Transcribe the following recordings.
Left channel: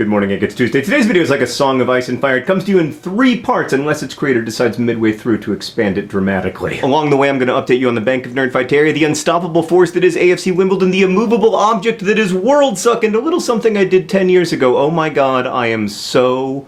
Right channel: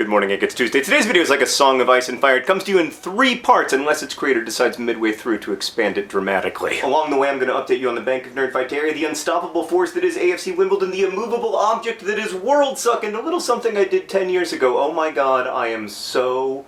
Good morning, it's Tuesday. Today's video is like a song of ice and fire. It comes to you in 3 parts unless its creator decides midway through to expand it dramatically. Along the way, I'm going to update you on the Bank of Nerdfighteria, the unstoppable force that is AFC Wimbledon, the immovable object that is World Suck, and a little something I did 10 years ago. Oh my god, I am so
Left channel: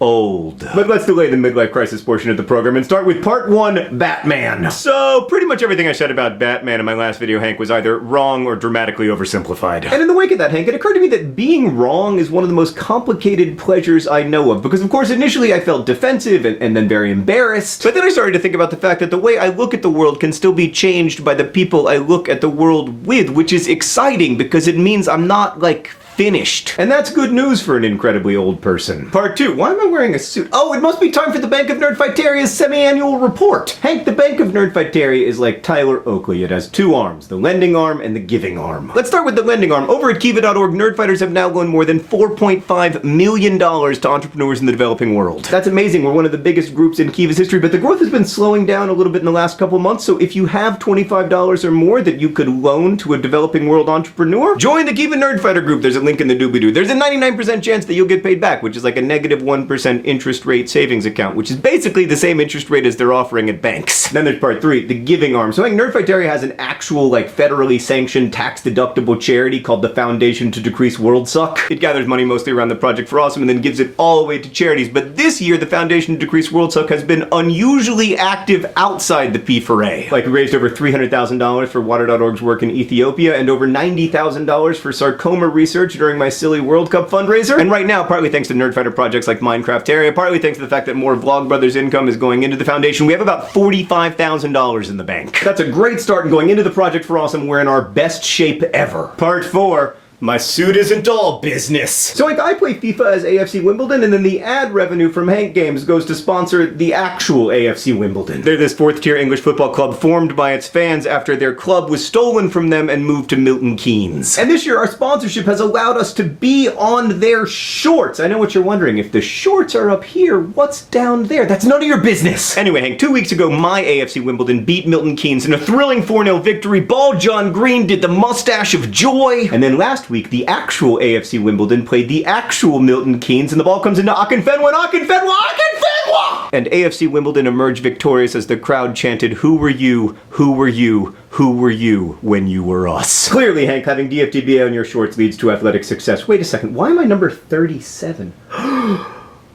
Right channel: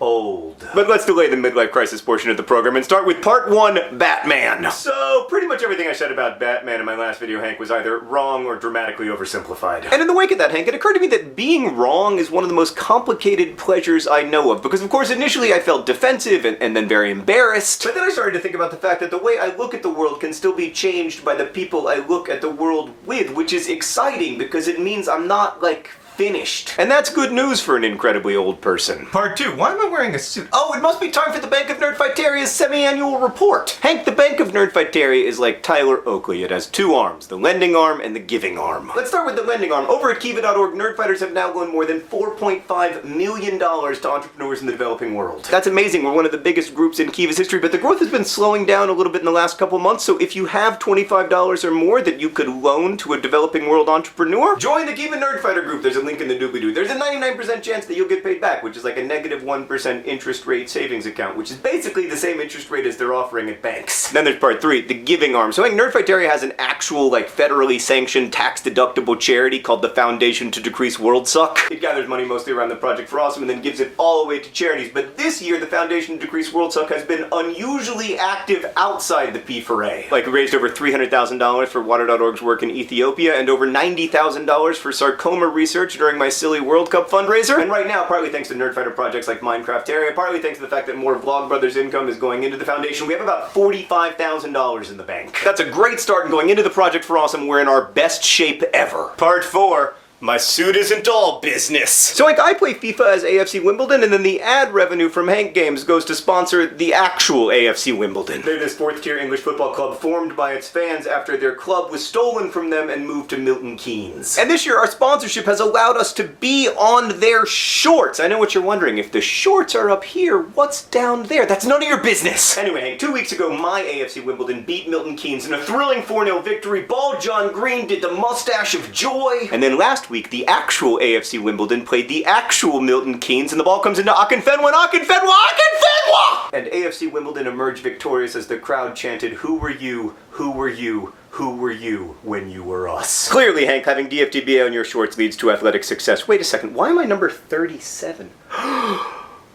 old. But let's delay the midlife crisis portion of the program and start with part 1, Batman. So, pretty much everything I said about Batman in my last video, Hank, was either wrong or dramatically oversimplified. And in the wake of that, Hank, it occurred to me that being wrong is one of the most complicated pleasures I know of, because of course initially I felt defensive and then very embarrassed, but then I started to think about the fact that the way I look at the world can still be changed by the people I look at the world with, which is exciting because it means I'm not, like, finished. And that's good news for an incredibly old person. Part 2. Why am I wearing a suit? Oh, it must be time for the Bank of Nerdfighteria's semi-annual report. Hank, the Bank of Nerdfighteria is like Tyler Oakley. It has 2 arms, the lending arm and the giving arm. Let's start with the lending arm. Over at Kiva.org, Nerdfighters have now loaned more than $4.5 million to entrepreneurs in the developing world. That's amazing. We're one of the biggest groups in Kiva's history, but the growth has been slowing down a little bit in the last couple months, so if you have $25 or more that you could loan to a developing world entrepreneur, join the Kiva Nerdfighter group. There's a link in the doobly-doo. There's a 99% chance that you'll get paid back, which is like a negative 1% interest rate savings account, which is basically the same interest rate as they're offering at banks. Then there's part 3, the giving arm. So I think Nerdfighteria has an actual, like, federally sanctioned tax-deductible charity called the Foundation to Decrease World Suck. It gathers money mostly around the Project for Awesome and then gives it all away to charities. But this year, the Foundation to Decrease World Suck has been unusually active outside the P4A. Like, we raised over $300,000 for Water.org's work in Ethiopia and over $90,000 for sarcoma research during my silly World Cup fundraiser. And right now, partly thanks to Nerdfighter projects like Minecrafteria, partly thanks to the fact that more Vlogbrothers income is going into the foundation, we have about $45,000 in the bank. That's a great start, and going into the Project for Awesome, we're in our best shape ever. Part 4. My suit isn't all business. So like, I play FIFA as AFC Wimbledon, and then the ad revenue from Hank Games goes to sponsor the actual AFC Wimbledon. They're this 4th-tier English football club formed by its fans after their club was stolen from them and moved to Milton Keynes. And this year, our sponsorship has allowed us to be on their shorts. I know what you're wondering. If the shorts are up here, what's down there? That's none of your business. Anyway, Hank, 2 weeks ago, my AFC Wimbledon beat Milton Keynes in a thrilling 4-0 victory. Ball John Green did the mustache of joy. And then last week, the actual AFC Wimbledon played the actual Milton Keynes, and the ball comes into Akinfenwa, and Akinfenwa! And AFC Wimbledon emerged victorious as the crowd chanted, "Who were you? Who were you? Who were you when you were us?" Clearly, Hank, having DFTBA on your shorts leads to athletic success. Wait a second, why am I number 37?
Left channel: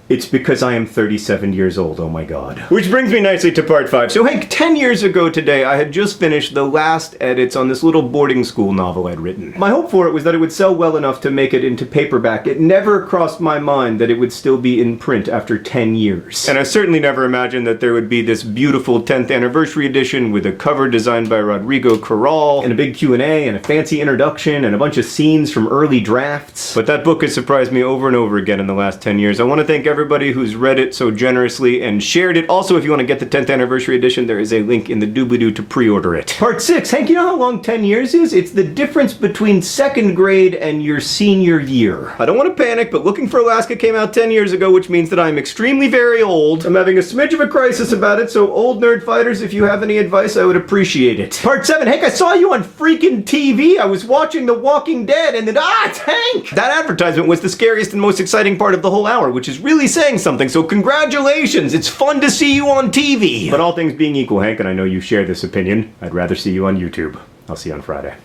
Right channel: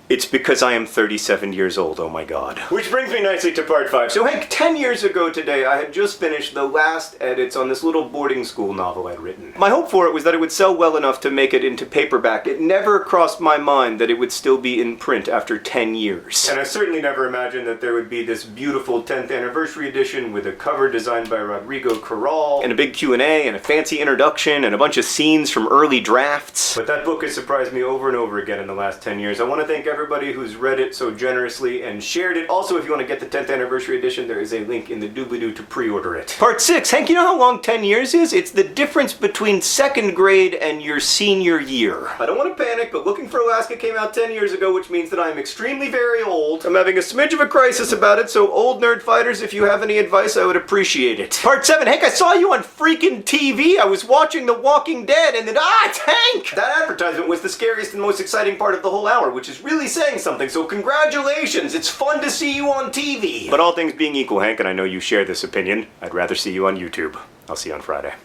It's because I am 37 years old, oh my god. Which brings me nicely to part 5. So Hank, 10 years ago today, I had just finished the last edits on this little boarding school novel I'd written. My hope for it was that it would sell well enough to make it into paperback. It never crossed my mind that it would still be in print after 10 years. And I certainly never imagined that there would be this beautiful 10th anniversary edition with a cover designed by Rodrigo Corral, and a big Q&A, and a fancy introduction, and a bunch of scenes from early drafts. But that book has surprised me over and over again in the last 10 years. I want to thank everybody who's read it so generously and shared it. Also, if you want to get the 10th anniversary edition, there is a link in the doobly-doo to pre-order it. Part 6. Hank, you know how long 10 years is? It's the difference between 2nd grade and your senior year. I don't want to panic, but Looking for Alaska came out 10 years ago, which means that I'm extremely very old. I'm having a smidge of a crisis about it, so old nerd fighters, if you have any advice, I would appreciate it. Part 7. Hank, I saw you on freaking TV. I was watching The Walking Dead, and then, it's Hank! That advertisement was the scariest and most exciting part of the whole hour, which is really saying something, so congratulations! It's fun to see you on TV! But all things being equal, Hank, and I know you share this opinion, I'd rather see you on YouTube. I'll see you on Friday.